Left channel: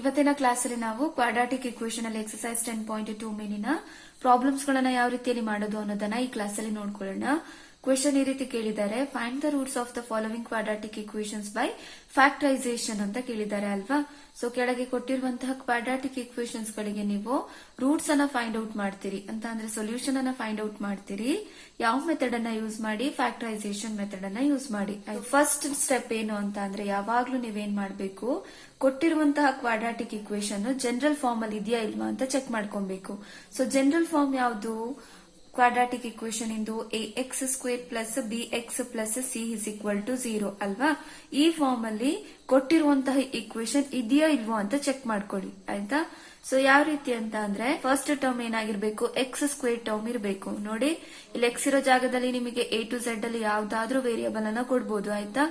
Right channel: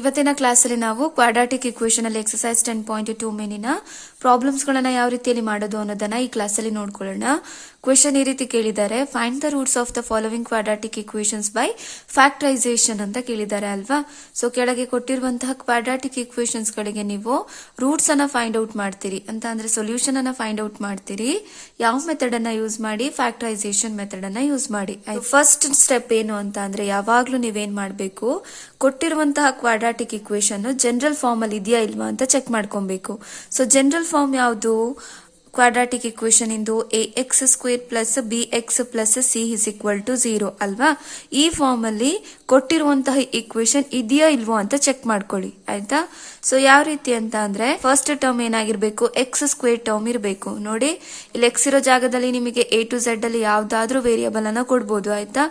ಇವತ್ತಿನ ಕ್ಲಾಸಲ್ಲಿ ನಾವು ಕ್ವಾಡ್ರಾಟಿಕ್ ಇಕ್ವೇಷನ್ ಅಲ್ಲಿ ಎಕ್ಸರ್ಸೈಸ್ 10.2 ಮೇಲಿನ ಪ್ರಾಬ್ಲಮ್ಸ್ ಗಳನ್ನ ಯಾವ ರೀತಿಯಲ್ಲಿ ಮಾಡೋದು ಅನ್ನೋದನ್ನ ಈ ಕ್ಲಾಸಲ್ಲಿ ನೋಡ್ಕೊಳ್ಳೋಣ. ಕ್ವೆಶನ್ ಈ ರೀತಿ ಕೇಳಿದ್ದಾರೆ, find the roots of the following quadratic equations by factorisation ಅಂತ ಕೇಳಿದ್ದಾರೆ ಅಲ್ವಾ. ಸೊ ಕೆಳಗೆ ಕೊಟ್ಟಿರುವಂತಹ ಕ್ವಾಡ್ರಾಟಿಕ್ ಇಕ್ವೇಷನ್ಸ್ ಗಳಿಗೆ ನೀವು ರೂಟ್ಸ್ ಅನ್ನ ಫೈಂಡ್ ಔಟ್ ಮಾಡ್ತೀರಿ ಅಂತ ಅಂದ್ರೆ ಸೊಲ್ಯೂಷನ್ ಅನ್ನ ಫೈಂಡ್ ಔಟ್ ಮಾಡ್ತೀರಿ. ಯಾವ ಮೆಥಡ್ ಅನ್ನ ಯೂಸ್ ಮಾಡಿ? ಫ್ಯಾಕ್ಟರೈಸೇಷನ್ ಮೆಥಡ್ ಅನ್ನ ಯೂಸ್ ಮಾಡಿ. ಫಸ್ಟ್ ಸ್ಟೆಪ್ ಏನು ಅಂತ ಅಂದ್ರೆ ಯಾವಾಗ್ಲೂ ನೀವೇನ್ ಮಾಡ್ಬೇಕು, ಕೊಟ್ಟಿರುವಂತಹ ಕ್ವಾಡ್ರಾಟಿಕ್ ಇಕ್ವೇಷನ್ ಜನರಲ್ ಫಾರ್ಮ್ ಅಲ್ಲಿ ಇದೆಯಾ ಇಲ್ವಾ ಅಂತ ಚೆಕ್ ಮಾಡ್ಕೊಬೇಕು. ಸೊ ಜನರಲ್ ಫಾರ್ಮ್ ಯಾವುದು? ಕ್ವಾಡ್ರಾಟಿಕ್ ಇಕ್ವೇಷನ್ ಇಂದು ax² plus bx plus c is equal to 0 ಅಲ್ವಾ. ಈ ಫಾರ್ಮ್ ಅಲ್ಲಿ ಕೊಟ್ಟಿರುವಂತಹ ಇಕ್ವೇಷನ್ ಇದೆಯಾ ಇಲ್ವೋ ಅಂತ ಚೆಕ್ ಮಾಡ್ಕೊಳ್ಳಿ, ಆಯ್ತಾ. ಸೊ ಯಾವ ರೀತಿ ಅಂತ ಅಂದ್ರೆ ಫಸ್ಟ್ ಟರ್ಮ್ ಏನಾಗಿರ್ಬೇಕು, x² ಟರ್ಮ್ ಇರಬೇಕು. ನೋಡಿ ಇಲ್ಲಿ x ಇರೋ ಜಾಗದಲ್ಲಿ ನಿಮಗೆ a to z ಅಲ್ಲಿ ಯಾವ್ದಾದ್ರೂ ವೇರಿಯಬಲ್ ಅನ್ನ ಕೊಡ್ಬೋದು, ಆಯ್ತಾ.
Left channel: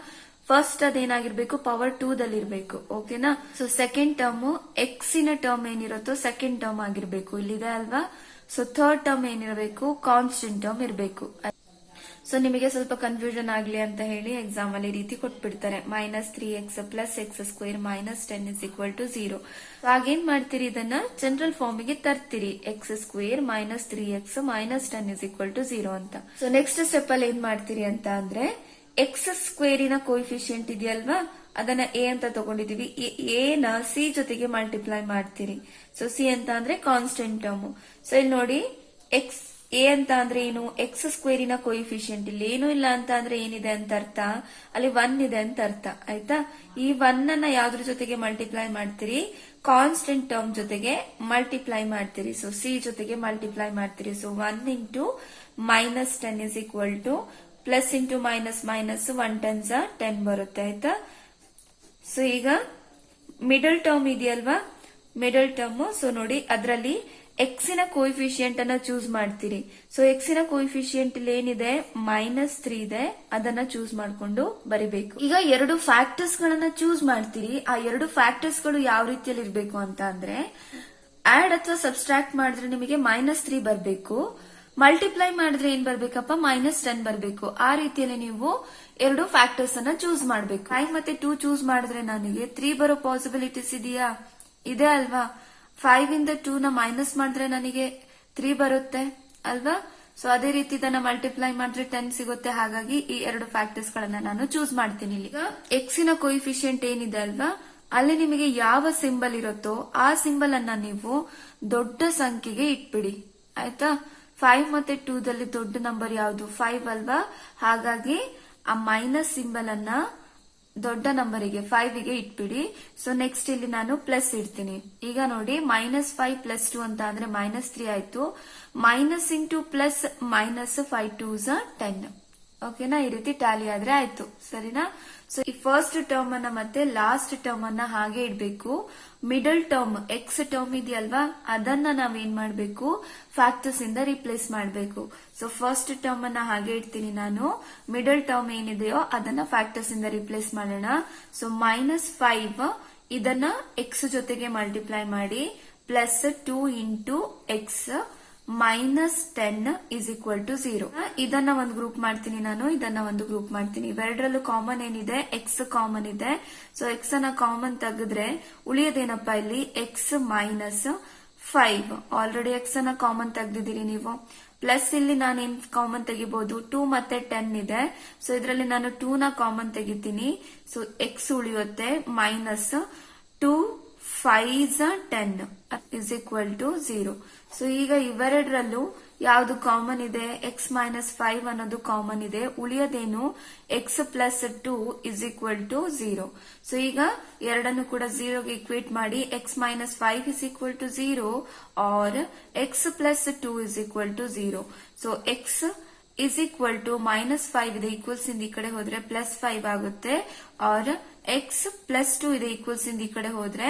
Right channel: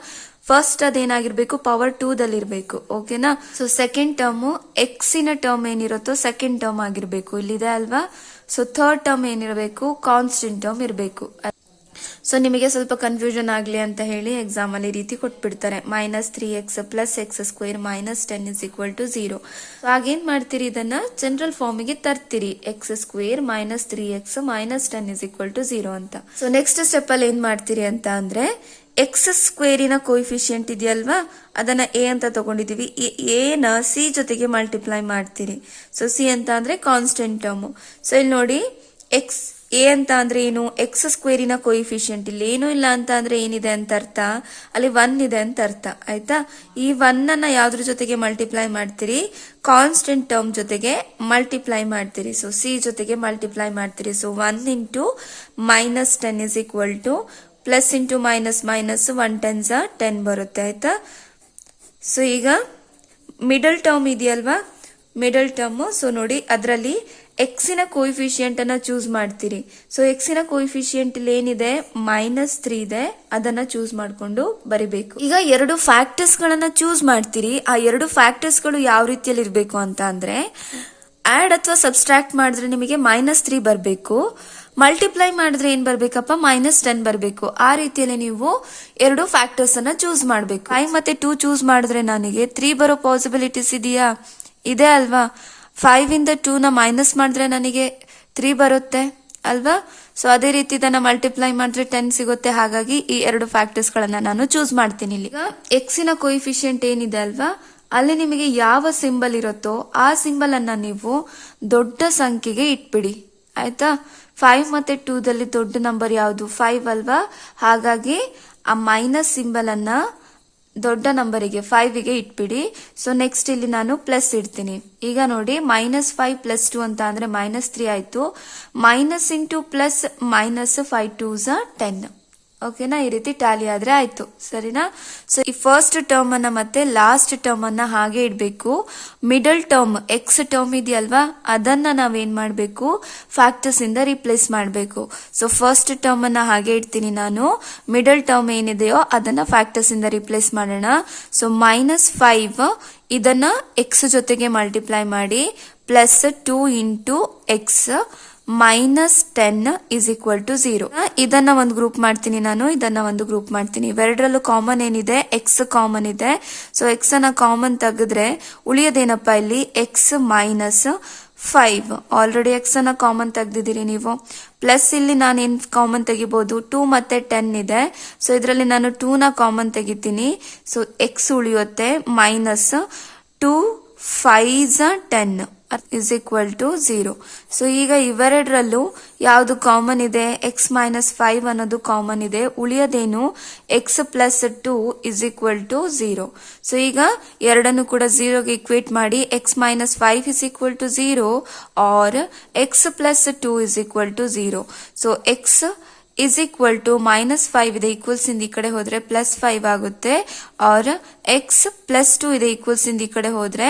ಫಸ್ಟ್ ಅದೇನಾಗಿರ್ಬೇಕು, ಪವರ್ 2 ದಲ್ಲಿ ಇರಬೇಕು, ಓಕೆನಾ. ಸೊ ಸೆಕೆಂಡ್ ಟರ್ಮ್ ಎಕ್ಸಿನ ಟರ್ಮ್ ಏನಿರುತ್ತೋ ಸೆಕೆಂಡ್ ಟರ್ಮ್ ಆಗಿರ್ಬೇಕು, ಇಲ್ಲಿದೆ ಅಲ್ವಾ. ಸೊ ಥರ್ಡ್ ಟರ್ಮ್ ಏನಿರಬೇಕು, ಕಾನ್ಸ್ಟೆಂಟ್ ಟರ್ಮ್ ಇರಬೇಕು. ಸೊ ನಿಮಗೆ ಸ್ವಲ್ಪ ಕನ್ಫ್ಯೂಷನ್ ಆಗ್ಲಿ ಅಂತ ಹೇಳಿ ಎಕ್ಸಾಮ್ ಅಲ್ಲಿ ರೀತಿ ಕೊಟ್ಬಿಡ್ತಾರೆ, -3x plus x² minus 10 is equal to 0. Again ಮಾಡ್ತೀರಿ, ಇದನ್ನ ಜನರಲ್ ಫಾರ್ಮ್ ಗೆ ತರ್ತೀರಿ, x² minus 3x minus 10 is equal to 0 ಅಂತ. ಸೊ ನೆಕ್ಸ್ಟ್ ಸ್ಟೆಪ್ ಅಲ್ಲಿ ಏನ್ ಮಾಡ್ತೀರಿ ಅಂತ ಅಂದ್ರೆ x² ನ ಕೋಎಫಿಷಿಯಂಟ್ ಇದೆಯಲ್ವಾ, ಅದನ್ನ a ಅಂತ ತಗೊಂಡಿದೀವಿ. a ನ c ಜೊತೆಗೆ ಮಲ್ಟಿಪ್ಲೈ ಮಾಡ್ತೀರಿ. ಸೊ c ಅಂತ ಅಂದ್ರೆ ಕಾನ್ಸ್ಟೆಂಟ್ ಟರ್ಮ್. ಸೊ ಇಲ್ಲಿ ನೋಡಿ a ಅಂತ ಅಂದ್ರೆ ಏನು, x² ನ ಕೋಎಫಿಷಿಯಂಟ್ ಇಲ್ಲಿ ಏನು ಇಲ್ಲ ಅಂತ ಅಂದ್ರೆ ಏನಿದೆ ಅಂತ ಅರ್ಥ, ಅಲ್ಲಿ 1 ಇದೆ ಅಂತ ಅರ್ಥ, ಆಯ್ತಾ. ಈ 1 ಅನ್ನ ಯಾವ್ದ್ರ ಜೊತೆಗೆ ಮಲ್ಟಿಪ್ಲೈ ಮಾಡ್ತೀರಿ, ಕಾನ್ಸ್ಟೆಂಟ್ ಟರ್ಮ್ ಜೊತೆಗೆ ಮಲ್ಟಿಪ್ಲೈ ಮಾಡ್ತೀರಿ. ಸೊ c ಜೊತೆಗೆ ಮಲ್ಟಿಪ್ಲೈ ಮಾಡ್ತೀರಿ. So 1 into minus 10 is equal to plus into minus minus 1 10s 10 ಬರುತ್ತೆ, ಆಯ್ತಾ. ಸೊ ಈಗ ಮಿಡಲ್ ಟರ್ಮ್ ಇದೆಯಲ್ವಾ, ಮಿಡಲ್ ಟರ್ಮ್. ಸೊ ನೋಡಿ ಅದರಲ್ಲಿ ಎಕ್ಸಿನ ಕೋಎಫಿಷಿಯಂಟ್ ಅನ್ನ ಚೂಸ್ ಮಾಡ್ತೀರಿ. ಸೊ ಎಕ್ಸಿನ ಕೋಎಫಿಷಿಯಂಟ್ ಇಲ್ಲಿ ಏನಿದೆ, -3 ಇದೆ, ಅದನ್ನ ಚೂಸ್ ಮಾಡ್ಕೊಂಡು ಬರಿಬೇಕು. ಈಗ ಎರಡು ಫ್ಯಾಕ್ಟರ್ಸ್ ಗಳನ್ನ ಚೂಸ್ ಮಾಡ್ತೀರಿ. ಆ ಎರಡು ಫ್ಯಾಕ್ಟರ್ಸ್ ಗಳು ಯಾವ ರೀತಿಯಲ್ಲಿ ಇರಬೇಕು ಅಂತ ಅಂದ್ರೆ ಆಡ್ ಅಥವಾ ಸಬ್ಸ್ಟ್ರಾಕ್ಟ್ ಮಾಡಿದ್ರೆ ನಿಮಗೆ -3 ಬರಬೇಕು, ಮಲ್ಟಿಪ್ಲೈ ಮಾಡಿದ್ರೆ ಏನ್ ಬರ್ಬೇಕಪ್ಪ, -10 ಬರಬೇಕು. ಆ ರೀತಿಯಲ್ಲಿ ನೀವು ಎರಡು ಫ್ಯಾಕ್ಟರ್ಸ್ ಅನ್ನ ಚೂಸ್ ಮಾಡಬೇಕು. 5 ಮತ್ತೆ 2 ಚೂಸ್ ಮಾಡಿದ್ರೆ ನನಗೆ 3 ಬರೋ ಪಾಸಿಬಿಲಿಟೀಸ್ ಇದೆಯಾ, ಇದೆ ಅಲ್ವಾ. 5 ಇಂದ 2 ನ ಮೈನಸ್ ಮಾಡಿದ್ರೆ ನನಗೆ 3 ಬರುತ್ತೆ ಅಲ್ವಾ. ಸೊ ಅದೇ ರೀತಿ ಇದನ್ನ ಮಲ್ಟಿಪ್ಲೈ ಮಾಡಿದ್ರೆ 10 ಸಿಗುತ್ತೆ. ಹಾಗಾಗಿ ಈ ಎರಡು ಫ್ಯಾಕ್ಟರ್ಸ್ ಗಳನ್ನ ನಾನು ಚೂಸ್ ಮಾಡ್ತೀನಿ. ಈಗ ಎಕ್ಸಿನ ಕೋಎಫಿಷಿಯಂಟ್ ಏನಿದೆ ಅಲ್ವಾ, ಅಲ್ಲಿ ನಿಮಗೆ ಯಾವ ಸಿಂಬಲ್ ಇರುತ್ತೋ ಆ ಸಿಂಬಲ್ ಅನ್ನ ನೀವು ದೊಡ್ಡ ಸಂಖ್ಯೆಗೆ ಇಟ್ಬಿಡಿ, ಆಯ್ತಾ. 5 ಮತ್ತೆ 2 ದಲ್ಲಿ ದೊಡ್ಡ ನಂಬರ್ ಯಾವುದು, 5 ಅಲ್ವಾ. ಹಾಗಾಗಿ ಆ ಮೈನಸ್ ಸಿಂಬಲ್ ಅನ್ನ ದೊಡ್ಡ ನಂಬರಿಗೆ 5 ಗೆ ಇಟ್ಬಿಡಿ. ಸೊ ನೆಕ್ಸ್ಟ್ ಇಲ್ಲಿ ನಾನು ಪ್ಲಸ್ ಇಡ್ತೀನಿ. ಈಗ ನೋಡಿ -5 ಪ್ಲಸ್ 2 ಅಂತ ಅಂದ್ರೆ -3 ಆಯ್ತು. Minus into plus minus 5 2s 10, ಓಕೆನಾ. ಈ ರೀತಿ ಟ್ಯಾಲಿ ಆದ್ರೆ ಆಯ್ತು, ಸರಿನಾ. ಸೊ ಈ ಫಸ್ಟ್ ಟರ್ಮ್ ಅನ್ನ ಮತ್ತೆ ಲಾಸ್ಟ್ ಟರ್ಮ್ ಅನ್ನ ಹಾಗೆ ಇಡ್ಬೇಕು. ಮಿಡಲ್ ಟರ್ಮ್ ಎಕ್ಸ್ ಟರ್ಮ್ ಇದೆಯಲ್ವಾ, ಅದನ್ನ ನಾವೇನ್ ಮಾಡ್ಬೇಕು, ಫ್ಯಾಕ್ಟರ್ಸ್ ಇಂದ ರಿಪ್ಲೇಸ್ ಮಾಡ್ಬೇಕು. ಸೊ ಫಸ್ಟ್ ಟರ್ಮ್ ಅನ್ನ ಹಾಗೆ ಇಡ್ತೀನಿ ನಾನು, ಮಿಡಲ್ ಟರ್ಮ್ ಏನಿದೆಯೋ ಅದನ್ನ ಫ್ಯಾಕ್ಟರ್ಸ್ ಇಂದ ರಿಪ್ಲೇಸ್ ಮಾಡೋಣ. ಸೊ -5 ಇದನ್ನ ಎಕ್ಸ್ ಜೊತೆಗೆ ಮಲ್ಟಿಪ್ಲೈ ಮಾಡಿ, plus 2 into x minus 10 is equal to 0. ಇದನ್ನ ಒಂದು ಗ್ರೂಪ್ ಮಾಡ್ತೀನಿ ನಾನು, ಇದನ್ನ ಒಂದು ಗ್ರೂಪ್ ಮಾಡ್ತೀನಿ. ಇವೆರಡರಲ್ಲೂ ಕಾಮನ್ ಏನಿದೆ, ಎಕ್ಸ್ ಕಾಮನ್ ಇದೆ. ಸೊ ಎಕ್ಸ್ ಅನ್ನ ಕಾಮನ್ ತೆಗೆದ್ರೆ ಉಳಿಯೋದೇನಪ್ಪ ಇಲ್ಲಿ, ಎಕ್ಸ್ ಮೈನಸ್ 5. ಆಲ್ರೆಡಿ ಎಕ್ಸ್ ಅನ್ನ ಕಾಮನ್ ತೆಗ್ದಿದ್ದೀರಿ ನೀವು. ಪ್ಲಸ್ ಇಲ್ಲಿ ನಾನು ಏನ್ ಕಾಮನ್ ತೆಗಿಬಹುದು, 2 ಮತ್ತೆ 10 ಇದೆ. ಸೊ ಇದರಲ್ಲಿ ನಾನು 2 ನ ಕಾಮನ್ ತೆಗಿತೀನಿ. ಸೊ ಎಕ್ಸ್ ಉಳಿಯುತ್ತೆ, minus 2 5s 10 is equal to 0. So ಈಗ ಇವೆರಡರಲ್ಲೂ ಯಾವುದು ಕಾಮನ್ ಇದೆ, ಎಕ್ಸ್ ಮೈನಸ್ 5 ಅನ್ನೋದು ಕಾಮನ್ ಇದೆ. ಉಳಿಯೋದೇನು, X plus 2 is equal to 0. So ಈಗ ಎರಡನ್ನು ಕೂಡ 0ಗೆ ಇಕ್ವೇಟ್ ಮಾಡಿ, X minus 5 is equal to 0 or X plus 2 is equal to 0. So X is equal to -5 ಇದೆ, ಈಕ್ವಲ್ಸ್ ಇಂದ ಈ ಕಡೆ ಹೋದ್ರೆ +5 ಆಗುತ್ತೆ. और x ಪ್ಲಸ್ 2 ಇದೆ, ಈಕ್ವಲ್ಸ್ ಇಂದ ಈ ಕಡೆ ಹೋದ್ರೆ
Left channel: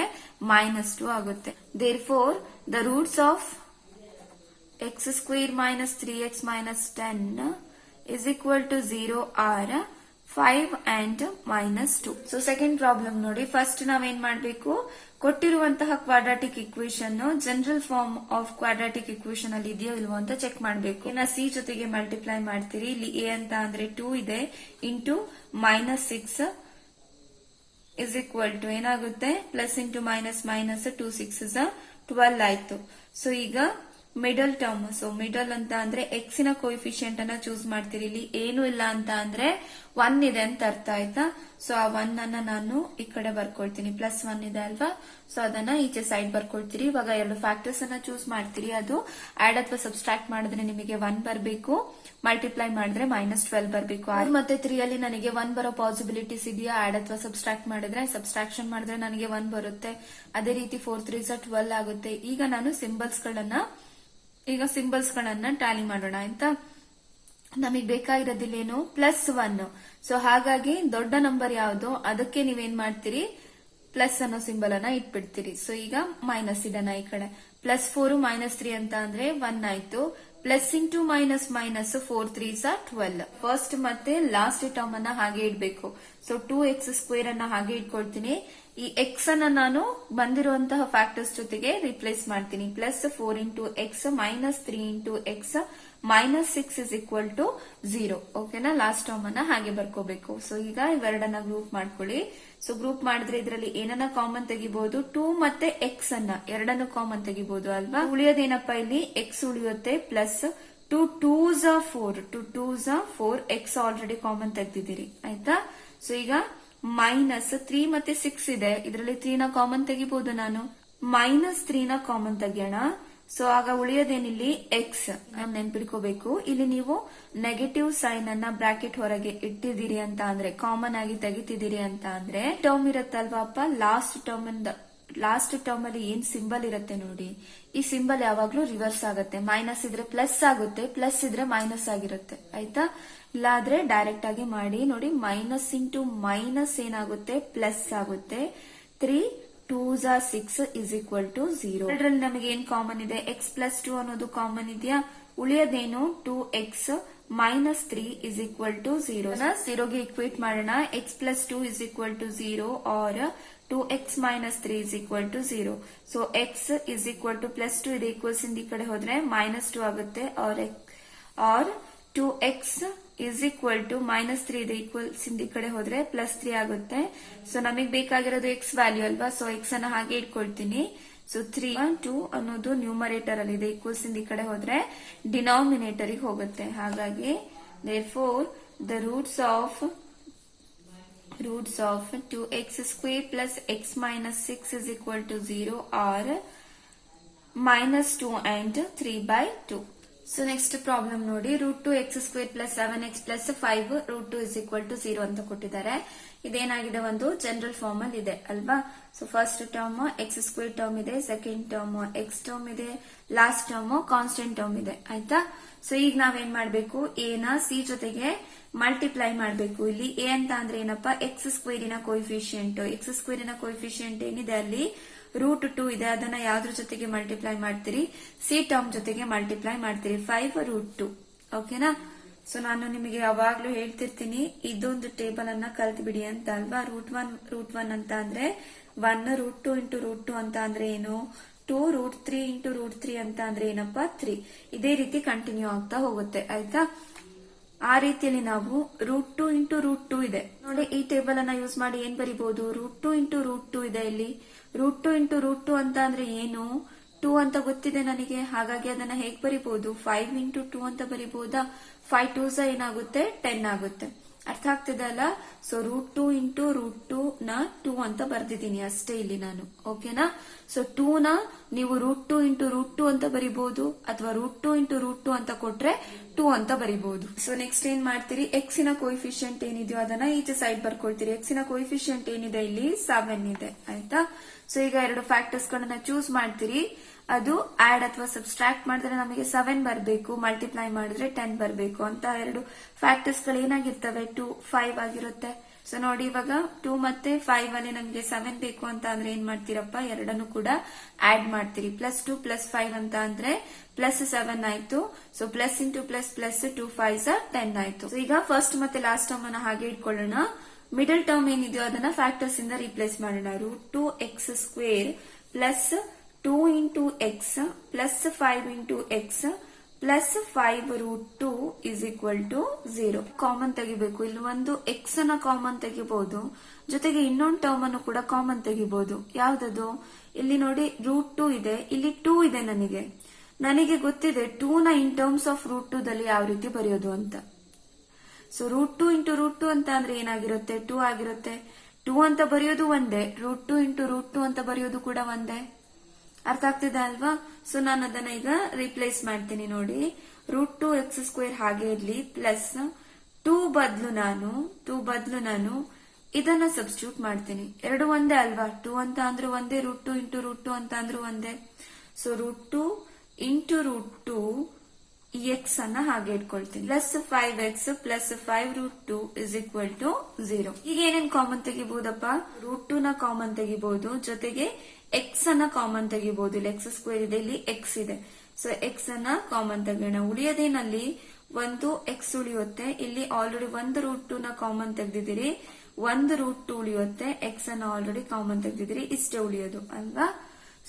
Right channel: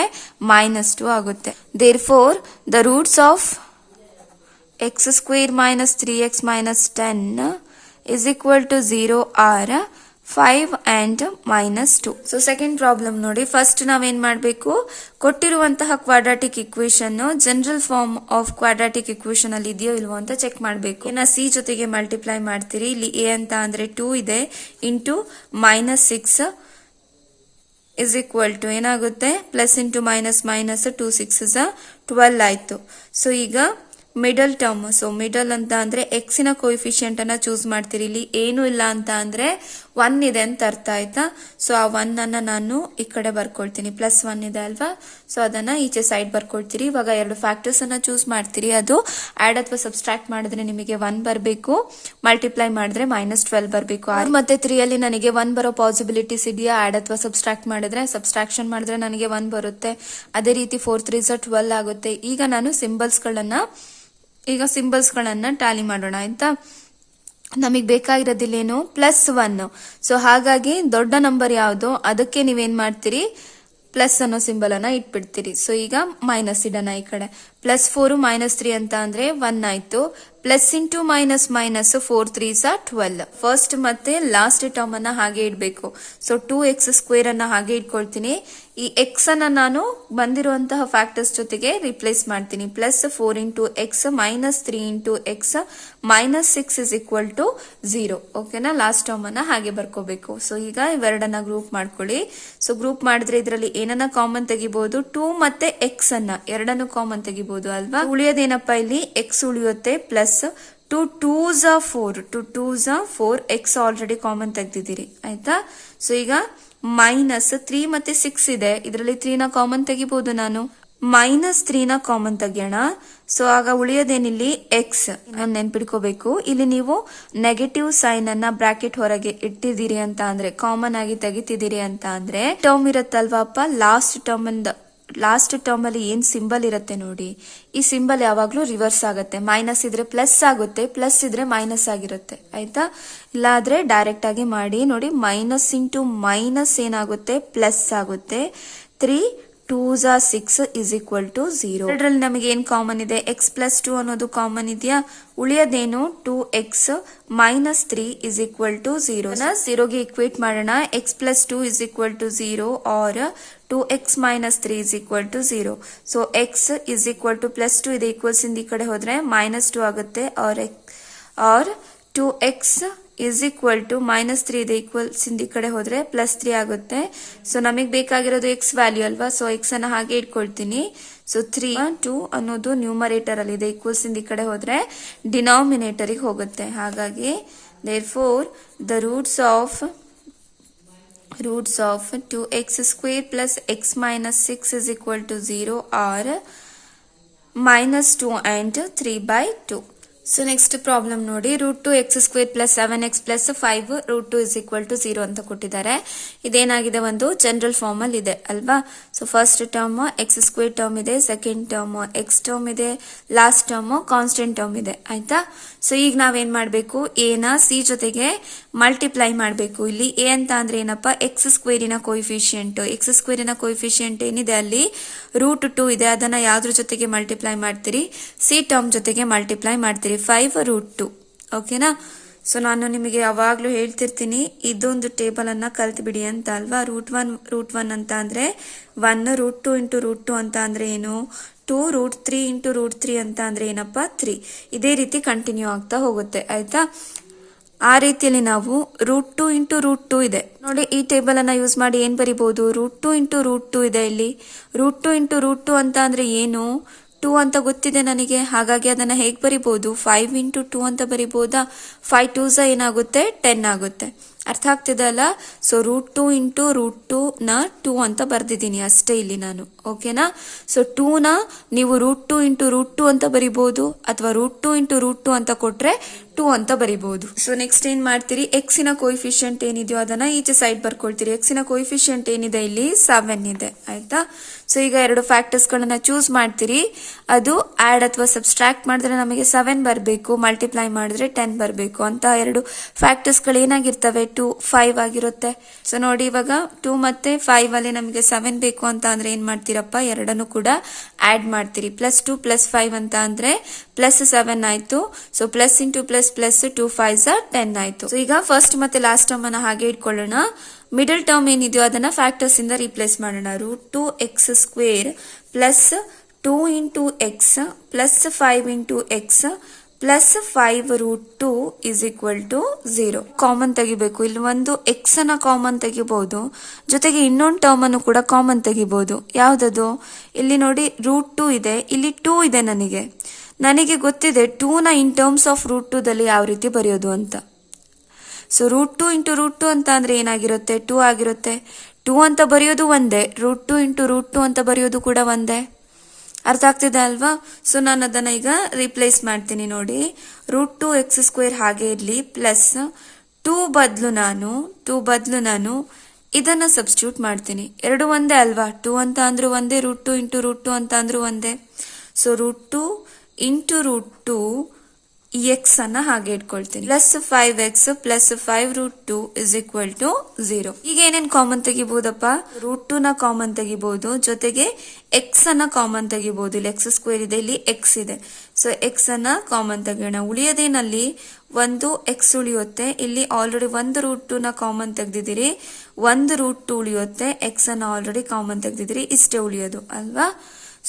-2 ಆಗುತ್ತೆ. Therefore the roots of x² minus 3x minus 10 is equal to 0 or 5 and -2. ಸೊ ಸೆಕೆಂಡ್ ಪ್ರಾಬ್ಲಮ್ ನೋಡಿ. ಫಸ್ಟ್ ನಾವೇನ್ ಮಾಡಬೇಕು, ಕೊಟ್ಟಿರುವಂತಹ quadratic equation general form of quadratic equation ಅಲ್ಲಿ ಇದೆಯೋ ಇಲ್ವೋ ಅಂತ ಚೆಕ್ ಮಾಡಬೇಕು. ಸಿ ಜೊತೆಗೆ ಮಲ್ಟಿಪ್ಲೈ ಮಾಡ್ತೀರಿ. ಇಲ್ಲಿ a ಅಂತ ಅಂದ್ರೆ 2 ಇದೆ, ಇಂಟು -6 ಇಸ್ ಈಕ್ವಲ್ ಟು ಏನಾಗುತ್ತೆ ಪ್ಲಸ್ ಇಂಟು ಮೈನಸ್ ಮೈನಸ್ 2 6 12 ಆಯ್ತು. ಸೊ ಈಗ ಮಿಡಲ್ ಟರ್ಮ್, ಸೊ ಮಿಡಲ್ ಅಂತ ಅಂದ್ರೆ ಎಕ್ಸಿನ ಕೋಎಫಿಷಿಯಂಟ್ ಅನ್ನ ಚೂಸ್ ಮಾಡ್ತೀರಿ. ಇಲ್ಲಿ ಏನು ಇಲ್ಲ ಅಂತ ಅಂದ್ರೆ 1 ಇದೆ ಅಂತ ಅರ್ಥ ಆಯ್ತಾ. ಸೊ ಆ 1 ಅನ್ನ ನಾನು ಈ ಕಡೆ ಬರ್ಕೊಳ್ತೀನಿ, ಪ್ಲಸ್ 1 ಇದೆ ಅಲ್ವಾ, ಸೊ ಅದನ್ನ ಈಚೆ ಸೈಡ್ ಬರ್ಕೊಳ್ತೀರಿ. ಇವಾಗ ಎರಡು ಫ್ಯಾಕ್ಟರ್ಸ್ ಅನ್ನ ಚೂಸ್ ಮಾಡ್ತೀರಿ. ಅದು ಆಡ್ ಅಥವಾ ಸಬ್ಸ್ಟ್ರಾಕ್ಟ್ ಮಾಡಿದ್ರೆ ನಿಮಗೆ 1 ಬರಬೇಕು, ಮಲ್ಟಿಪ್ಲೈ ಮಾಡಿದ್ರೆ -12 ಬರಬೇಕು. 6 ಮತ್ತೆ 3 ಅಲ್ಲಿ ನನಗೆ 1 ಬರೋ ಪಾಸಿಬಿಲಿಟೀಸ್ ಇದೆಯಾ? ಆಡ್ ಅಥವಾ ಸಬ್ಸ್ಟ್ರಾಕ್ಟ್ ಮಾಡಿದ್ರೆ, ಸಬ್ಸ್ಟ್ರಾಕ್ಷನ್ ಮಾಡಿದ್ರೆ ನನಗೆ 1 ಬರುತ್ತೆ. ಅದೇ ರೀತಿ 4 3 12 ಆಗುತ್ತೆ. ಈಗ ನಾನು ಸಿಂಬಲ್ಸ್ ಗಳನ್ನ ಟ್ಯಾಲಿ ಮಾಡೋಣ ಆಯ್ತಾ. ನಮಗೆ ಬೇಕಾಗಿರೋದಿಲ್ಲೇನು +1. ಸೊ ಹಾಗಾಗಿ ದೊಡ್ಡ ನಂಬರ್ ಯಾವ್ದು ಅದಕ್ಕೆ ನೀವೇನ್ ಮಾಡ್ತೀರಿ, ಪ್ಲಸ್ ಅನ್ನೋ ಸಿಂಬಲ್ ಅನ್ನ ಇಟ್ಬಿಡ್ತೀರಿ. ಸೊ ಈಗ ಮೈನಸ್ ಇಡೋಣ ಈ ಕಡೆ. +4 -3 ಅಂತ ಅಂದ್ರೆ 1 ಆಯ್ತು. Plus into minus minus 4 3 12. First ಮತ್ತೆ ಲಾಸ್ಟ್ ಟರ್ಮ್ ಅನ್ನ ಹಾಗೆ ಇಡಬೇಕು. ಸೊ 2x² ಅನ್ನ ಹಾಗೆ ಇಟ್ಕೊಳ್ತೀನಿ. ಈ ಎಕ್ಸ್ ಅನ್ನ ನಾನು ಬಂದಿರುವಂತಹ ಫ್ಯಾಕ್ಟರ್ಸ್ ಜೊತೆಗೆ ರಿಪ್ಲೇಸ್ ಮಾಡ್ತೀನಿ. +4 ಇಂಟು ಎಕ್ಸ್ -3 ಇಂಟು ಎಕ್ಸ್ -6 = 0. ಓಕೆನಾ, ಲಾಸ್ಟ್ ಟರ್ಮ್ ಅನ್ನ ಹಾಗೆ ಬರ್ಕೋಬೇಕು. ಸೊ ಈಗ ಇವೆರಡನ್ನ ಗ್ರೂಪ್ ಮಾಡ್ಕೊಳ್ಳಿ. ಸೊ ಗ್ರೂಪ್ ಮಾಡಿದ್ರೆ ಇದರಲ್ಲಿ ಏನನ್ನ ಕಾಮನ್ ತೆಗಿಬಹುದು, 2 ಮತ್ತೆ ಎಕ್ಸ್ ಅನ್ನ ಎರಡನ್ನು ಕಾಮನ್ ತೆಗಿಬಹುದು ಅಲ್ವಾ. ಉಳಿಯೋದೇನಪ್ಪ ಇಲ್ಲಿ, ಎಕ್ಸ್ ಉಳಿಯುತ್ತೆ, plus 2 2s are 4, 2 2s are 4, X already common ತೆಗ್ದಿದ್ದೀರಿ ಆಯ್ತಾ. ಸೊ ಈಗ -3 ಮತ್ತೆ 6 ಇದೆ, ಇದರಲ್ಲಿ 3 ನ ಕಾಮನ್ ತೆಗಿಬಹುದು ನಾನು. -3 ನ ಕಾಮನ್ ತೆಗಿಯೋಣ. ಸೊ ಆಗ ಉಳಿಯೋದೇನಿಲ್ಲಿ ಎಕ್ಸ್ ನೆನ್ಪಿಡ್ಕೋಬೇಕು. ಇಲ್ಲಿ ನೀವು ನೆಗೆಟಿವ್ ಸೈನ್ ಅನ್ನ ಬ್ರಾಕೆಟ್ ಹೊರಗೆ ಇಟ್ಟಿದ್ದೀರಿ ಅಂತ ಅಂದ್ರೆ, ಕಾಮನ್ ಆಗಿ ತೆಗಿತಿದ್ದೀರಿ ಅಂತ ಅಂದ್ರೆ, ಟರ್ಮ್ ಇರುತ್ತಲ್ವಾಪ್ಪ, ಲಾಸ್ಟ್ ಟರ್ಮ್ ಅಲ್ಲಿ ಏನ್ ಸಿಂಬಲ್ ಇರುತ್ತೆ ನೋಡಿ, ಈ ಸಿಂಬಲ್ ಯಾವಾಗ್ಲೂ ರಿವರ್ಸ್ ಆಗುತ್ತೆ. ಮೈನಸ್ ಇದ್ರೆ ಪ್ಲಸ್ ಆಗುತ್ತೆ, ಪ್ಲಸ್ ಇದ್ರೆ ಮೈನಸ್ ಆಗಿರುತ್ತೆ ಆಯ್ತಾ. ಇಲ್ಲಾದ್ರೆ ಡೈರೆಕ್ಟ್ ಆಗಿ ಮಾಡಿ ನೋಡಿ, ಮೈನಸ್ ಇಂಟು ಮೈನಸ್ ಏನಾಗುತ್ತೆ, ಪ್ಲಸ್ ಆಗುತ್ತೆ. 3 2s are 6 = 0. ಇದರಲ್ಲಿ ನಮಗೆ ಏನ್ ಕಾಮನ್ ಇದೆ, x+2 ಅನ್ನೋದು ಕಾಮನ್ ಇದೆಯಾ. ಉಳಿಯೋದೇನು 2x -3 = 0. 0ಗೆ ಇಕ್ವೇಟ್ ಮಾಡೋಣ. x+2 = 0 or 2x -3 = 0. So x +2 ಇದೆ, ಈಕ್ವಲ್ಸ್ ಇಂದ ಈ ಕಡೆ ಹೋದ್ರೆ -2 ಆಗುತ್ತೆ. or 2x -3 ಇದೆ, ಈಕ್ವಲ್ಸ್ ಇಂದ ಈ ಕಡೆ ಹೋದ್ರೆ +3 ಆಗುತ್ತೆ. ಸೊ ನಮಗೆ ಬೇಕಾಗಿರೋದು ಎಕ್ಸ್ ವ್ಯಾಲ್ಯೂ ಅಲ್ವಾ, ಸೊ ಎಕ್ಸ್ ಅನ್ನ ಹಾಗೆ ಇಟ್ಕೊಳ್ತೀನಿ. ಸೊ 3 2 ಅನ್ನೋದು ನ್ಯೂಮರೇಟರ್ ಅಲ್ಲಿ ಇದೆ, ಈಕ್ವಲ್ಸ್ ಇಂದ ಈ ಕಡೆ ಹೋದ್ರೆ ಡಿನಾಮಿನೇಟರ್ ಹೋಗುತ್ತೆ. ಹಾಗಾಗಿ therefore the roots of 2x² plus x minus 6 = 0 are -2 and 3/2. So next problem ನೋಡಿ, √2x² + 7x + 5 √2 = 0 ಅಂತ ಕೊಟ್ಟಿದ್ದಾರೆ. ಇದೇನಾಗಿದೆ, ಒಂದು ಜನರಲ್ ಫಾರ್ಮ್ ಅಲ್ಲಿ ಇದೆ ಅಲ್ವಾ. So first term x² term ಇದೆ, ಸೆಕೆಂಡ್ ಟರ್ಮ್ x ಟರ್ಮ್ ಇದೆ, ಲಾಸ್ಟ್ ಟರ್ಮ್ ಕಾನ್ಸ್ಟೆಂಟ್ ಟರ್ಮ್ ಇದೆ ಆಯ್ತಾ. ಸೊ ಈಗ ನಾವೇನ್ ಮಾಡ್ಬೇಕು, a ನ c ಜೊತೆಗೆ ಮಲ್ಟಿಪ್ಲೈ ಮಾಡ್ಬೇಕು. ಇಲ್ಲಿ a ಅಂತ ಅಂದ್ರೆ ಏನಪ್ಪ, x² ನ ಕೋಎಫಿಷಿಯಂಟ್. x² ನ ಕೋಎಫಿಷಿಯಂಟ್ ಏನಿದೆ ಅಲ್ಲಿ √2 ಇದೆ, ಅದನ್ನ ಯಾವ್ದ್ರ ಜೊತೆಗೆ ಮಲ್ಟಿಪ್ಲೈ ಮಾಡ್ತೀರಿ, c ಟರ್ಮ್ ಜೊತೆಗೆ ಮಲ್ಟಿಪ್ಲೈ ಮಾಡ್ತೀರಿ, 5 √2. ಓಕೆನಾ. ಸೊ ನಾನು ನಿಮಗೆ ಯಾವಾಗ್ಲೂ ಹೇಳ್ತಿರ್ತೀನಿ, ಇದೊಂದು ಟೇಬಲ್ ಅನ್ನ ಕಲ್ತ್ ಬಿಡಿ ಅಂತ ಅಲ್ವಾ. √1 ಅಂತ ಅಂದ್ರೆ 1, √2 × √2 ಅಂತ ಅಂದ್ರೆ ಏನು, 2, √3 × √3 ಅಂತ ಅಂದ್ರೆ ಏನಪ್ಪ, 3. ಇದೇ ರೀತಿ ಕಂಟಿನ್ಯೂ ಆಗ್ತಾ ಹೋಗುತ್ತೆ ಆಯ್ತಾ. ಆ ರೀತಿಯಲ್ಲಿ ನಾವು √2 × √2 ಇದೆ ನೋಡಿ, ಈ ಟೇಬಲ್ ಅನ್ನ ಯೂಸ್ ಮಾಡಿ ಏನ್ ಬರಿಬಹುದು, √2 × √2 ಇದೆ ಇಲ್ಲಿ. √2 × √2 ಅಂತ ಅಂದ್ರೆ ಏನು, 2 ಅಂತ ಗೊತ್ತಿದೆ ನನಗೆ, ಹಾಗಾಗಿ ಅದನ್ನ ಹೇಗ್ ಬರಿಬಹುದು, 5 × 2 ಅಂತ ಬರಿಬಹುದಾ. 5 2s ಏನಾಗುತ್ತೆ, 10 ಆಗುತ್ತೆ. ಅರ್ಥ ಆಗ್ತಿದೆ ಅಲ್ಲ. ಸೊ √2 × √2 ನ 2 ಅಂತ ಬರ್ದಿದ್ದೀನಿ ಅಷ್ಟೇ ಇಲ್ಲಿ ನಾನು. ಓಕೆನಾ. ಸೊ 2 ನ ನೀವು √2 × √2 ಅಂತ ಬರಿಬಹುದು, ಅಥವಾ √2 × √2 ಅಂತ ಕೊಟ್ರೆ 2 ಅಂತ ಬರಿಬಹುದು. ಸೊ ನೆಕ್ಸ್ಟ್ ಏನ್ ಮಾಡ್ತೀರಿ, ಎಕ್ಸಿನ ಕೋಎಫಿಷಿಯಂಟ್ ಏನಿದೆಯೋ ಅದನ್ನ ಈಚೆ ಸೈಡ್ ಬರ್ಕೊಳ್ತೀರಿ. ಎಕ್ಸಿನ ಕೋಎಫಿಷಿಯಂಟ್ ಏನಿದೆ ಇಲ್ಲಿ 7 ಇದೆ ಆಯ್ತಾ. ಸೊ ಈಗ ಎರಡು ಫ್ಯಾಕ್ಟರ್ಸ್ ಗಳನ್ನ ಚೂಸ್ ಮಾಡ್ತೀರಿ. ಅದು ಆಡ್ ಅಥವಾ ಸಬ್ಸ್ಟ್ರಾಕ್ಟ್ ಮಾಡಿದ್ರೆ ನಮಗೆ 7 ಬರಬೇಕು, ಮಲ್ಟಿಪ್ಲೈ ಮಾಡಿದ್ರೆ 10 ಬರಬೇಕು ಅಂತ. ಎರಡು ಫ್ಯಾಕ್ಟರ್ಸ್ ಗಳು ಏನಾಗಿರ್ತವೆ, 2 5 ಆಗಿರುತ್ತೆ. ಸೊ ನೋಡಿ, ಇವಾಗ 2 ಮತ್ತೆ 5 ಅಲ್ಲಿ ನಮಗೆ 7 ಬೇಕು ಅಂತ ಅಂದ್ರೆ ಏನ್ ಮಾಡ್ತೀರಪ್ಪ, ಎರಡನ್ನು ಕೂಡ ಆಡ್ ಮಾಡ್ತೀರಿ. +2 + 5 ಅಂತ ಅಂದ್ರೆ +7 ಆಯ್ತು. So plus into plus 2 5s are 10 ಆಯ್ತು. ಸೊ ಈಗ ಫಸ್ಟ್ ಮತ್ತೆ ಲಾಸ್ಟ್ ಟರ್ಮ್ ಅನ್ನ ಹಾಗೆ ಇಟ್ಕೊಳ್ಳೋಣ. ಮಿಡಲ್ ಟರ್ಮ್ ಏನಿದೆಯೋ ಅದನ್ನ ಫ್ಯಾಕ್ಟರ್ಸ್ ಇಂದ ರಿಪ್ಲೇಸ್ ಮಾಡೋಣ. √2x² + 2 × x + 5 × x plus 5√2 is equal to 0. Common ತೆಗಿಬೇಕು. ಇಲ್ಲಿ ಒಂದು ಎಕ್ಸ್ ಅನ್ನ ಕಾಮನ್ ತೆಗಿಬಹುದು, ಜೊತೆಗೆ ಇನ್ನೊಂದು ಟರ್ಮ್ ಅನ್ನು ಕೂಡ ಕಾಮನ್ ತೆಗಿಬಹುದು. ಯಾವ್ದದು? ಇಲ್ಲಿ ನೋಡಿ √2 ಇದೆ, ಇಲ್ಲಿ 2 ಇದೆ. ನನಗೆ ಗೊತ್ತಿದೆ 2ನ ಇನ್ ಟರ್ಮ್ಸ್ ಆಫ್ √2 ದಲ್ಲಿ ಯಾವ ರೀತಿ ಬರೆಯೋದು ಅಂತ. ಸೊ √2 ಇಂಟು √2 ಅಂತ ಅಂದ್ರೆ ಏನಾಗಿರುತ್ತೆ? 2 ಆಗಿರುತ್ತೆ. 2 ಅಂತ ಬರೆಯೋದು ಒಂದೇ, √2 ಇಂಟು √2 ಅಂತ ಬರೆಯೋದು ಕೂಡ ಒಂದೇ. ಅರ್ಥ ಆಗ್ತಿದೆ ಅಲ್ವಾ? ಸೊ ನಾನು ಅದನ್ನ ಈಗ ರಿಪ್ಲೇಸ್ ಮಾಡ್ತೀನಿ. ನೋಡಿ, √2x² ಹಾಗೆ ಇರ್ಲಿ, ಪ್ಲಸ್ 2 ಬದಲು ನಾನು ಇದನ್ನ ಸಬ್ಸ್ಟಿಟ್ಯೂಟ್ ಮಾಡ್ತೀನಿ. ಎರಡು ಒಂದೇ ಅಲ್ವಾ? 2 ಅಂತ ಅಂದ್ರೂ ಒಂದೇ, √2 ಇಂಟು √2 ಅಂತ ಅಂದ್ರೂ ಒಂದೇ. ಸೊ √2 ಇಂಟು √2 ಎಕ್ಸ್ ಅನ್ನ ಹಾಗೆ ಇಟ್ಕೊಳ್ತೀನಿ. Plus 5x plus 5√2 is equal to 0. ಈಗ ಏನೇನ್ ಕಾಮನ್ ತೆಗಿಬಹುದಪ್ಪ? √2 ನ ಕಾಮನ್ ತೆಗಿಬಹುದು, ಜೊತೆಗೆ ಎಕ್ಸ್ ಅನ್ನ ಕಾಮನ್ ತೆಗಿಬಹುದು. ಇಲ್ಲಿ x² ಇದೆ, ಇಲ್ಲಿ ಎಕ್ಸ್ ಇದೆ. ಸೊ ಎಕ್ಸ್ ಅನ್ನ ಕಾಮನ್ ತೆಗೋಣ. ಉಳಿಯೋದೇನಲ್ಲಿ ಒಂದು ಎಕ್ಸ್ ಉಳಿಯುತ್ತೆ. ಇಲ್ಲಿ ಆಲ್ರೆಡಿ ಒಂದು √2 ನ ಕಾಮನ್ ತೆಗ್ದಿದ್ದೀರಿ, ಒಂದು √2 ಉಳಿಯುತ್ತೆ. ಎಕ್ಸ್ ಅನ್ನ ಆಲ್ರೆಡಿ ಕಾಮನ್ ತೆಗ್ದಿದ್ದೀರಿ, ಇಷ್ಟೇ ಉಳಿಯೋದು ಅಲ್ವಾ?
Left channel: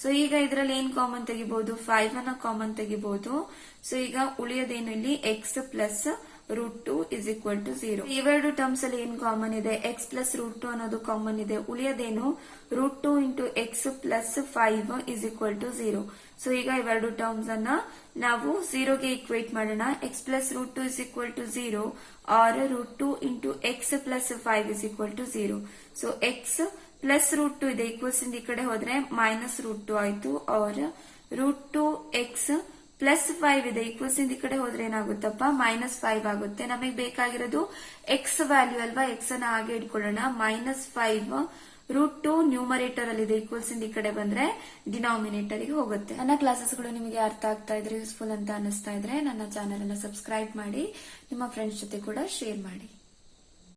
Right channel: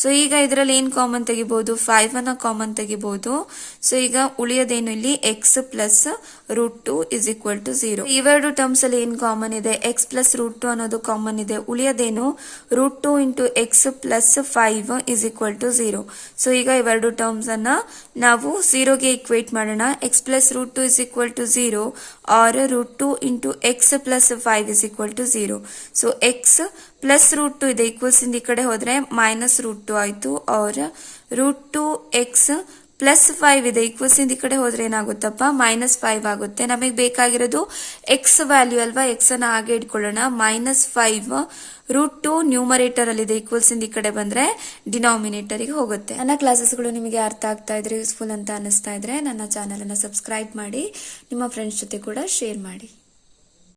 ಸೊ ಈಗ ಇದರಲ್ಲಿ ಏನ್ ಕಾಮನ್ ತೆಗಿಬಹುದು? 5 ಅನ್ನ ಕಾಮನ್ ತೆಗಿಬಹುದು. ಸೊ ಈಗ ಉಳಿಯೋದೇನು? ಇಲ್ಲಿ x plus √2 is equal to 0. ಇವೆರಡು ಟರ್ಮ್ಸ್ ಅಲ್ಲಿ ಏನ್ ಕಾಮನ್ ಇದೆ? ಎಕ್ಸ್ ಪ್ಲಸ್ √2 ಅನ್ನೋದು ಕಾಮನ್ ಇದೆ. ಉಳಿಯೋದೇನು? √2 into x plus 5 is equal to 0. So ಈಗ ಇವೆರಡು ಟರ್ಮ್ಸ್ ಅನ್ನ ನಾವು 0ಗೆ ಇಕ್ವೇಟ್ ಮಾಡೋಣ. X plus √2 is equal to 0 or √2 into x plus 5 is equal to 0. So x plus √2 ಇದೆ, ಈಕ್ವಲ್ಸ್ ಇಂದ ಈ ಕಡೆ ಹೋದ್ರೆ ಮೈನಸ್ √2 ಆಯ್ತು. ಆರ್ √2x ಪ್ಲಸ್ 5 ಇದೆ, ಈಕ್ವಲ್ಸ್ ಇಂದ ಈ ಕಡೆ ಹೋದ್ರೆ ಏನಾಗುತ್ತಪ್ಪ? -5 ಆಗುತ್ತೆ. ನಮಗೆ ಬೇಕಾಗಿರೋದು ಎಕ್ಸ್ ವ್ಯಾಲ್ಯೂ ಅಲ್ವಾ? ಎಕ್ಸ್ ಅನ್ನ ಹಾಗೆ ಇಟ್ಕೊಳ್ಳೋಣ. -5 √2 ನ್ಯೂಮರೇಟರ್ ಅಲ್ಲಿ ಇದೆ, ಈಕ್ವಲ್ಸ್ ಇಂದ ಈ ಕಡೆ ಬಂದ್ರೆ ಡಿನಾಮಿನೇಟರ್ ಗೆ ಹೋಗುತ್ತೆ. ನನ್ನ ಕ್ಲಾಸಸ್ಗಳು ನಿಮಗೆ ಅರ್ಥ ಆಗ್ತಾ ಇದ್ರೆ, ಯೂಸ್ಫುಲ್ ಅಂತ ಅನಿಸ್ತಾ ಇದ್ರೆ ನನ್ನ ಚಾನೆಲ್ ಅನ್ನ ಸಬ್ಸ್ಕ್ರೈಬ್ ಮಾಡಿ, ನಿಮ್ಮ ಫ್ರೆಂಡ್ಸ್ ಜೊತೆ ಕೂಡ ಶೇರ್ ಮಾಡಿ.